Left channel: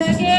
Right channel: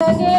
again.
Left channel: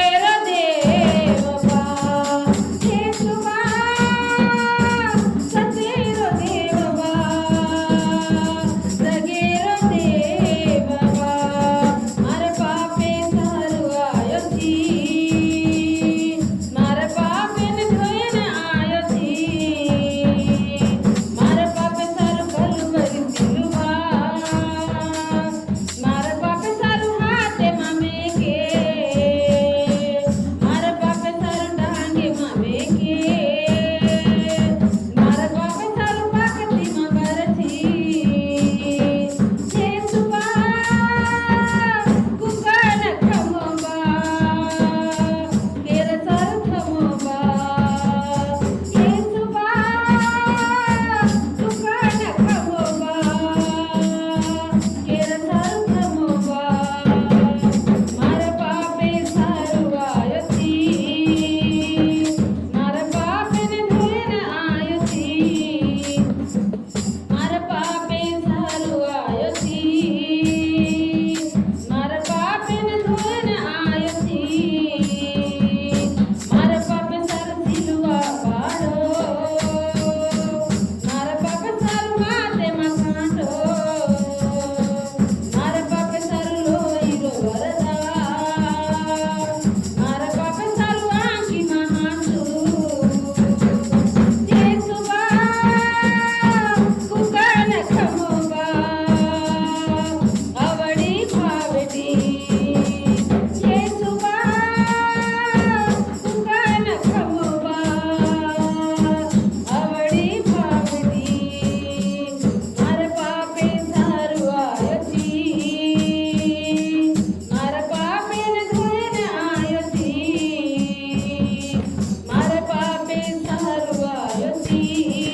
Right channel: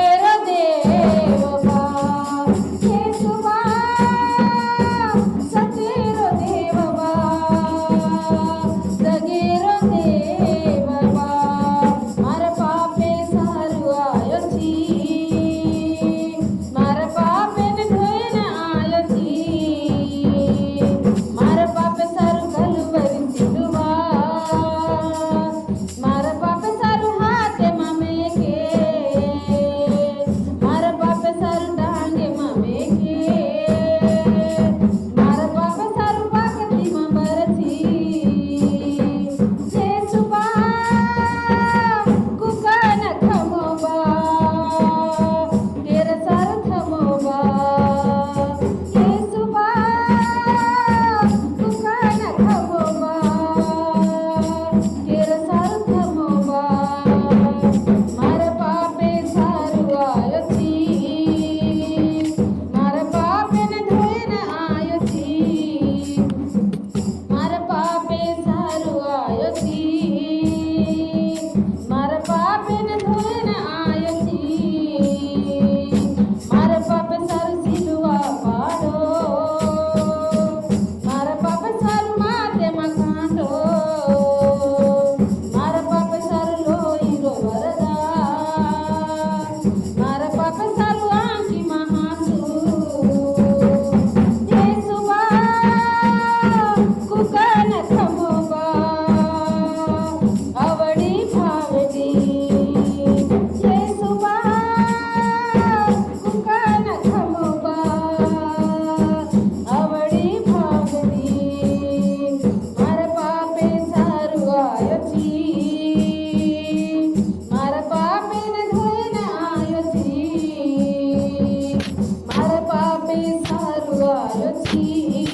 Thank you.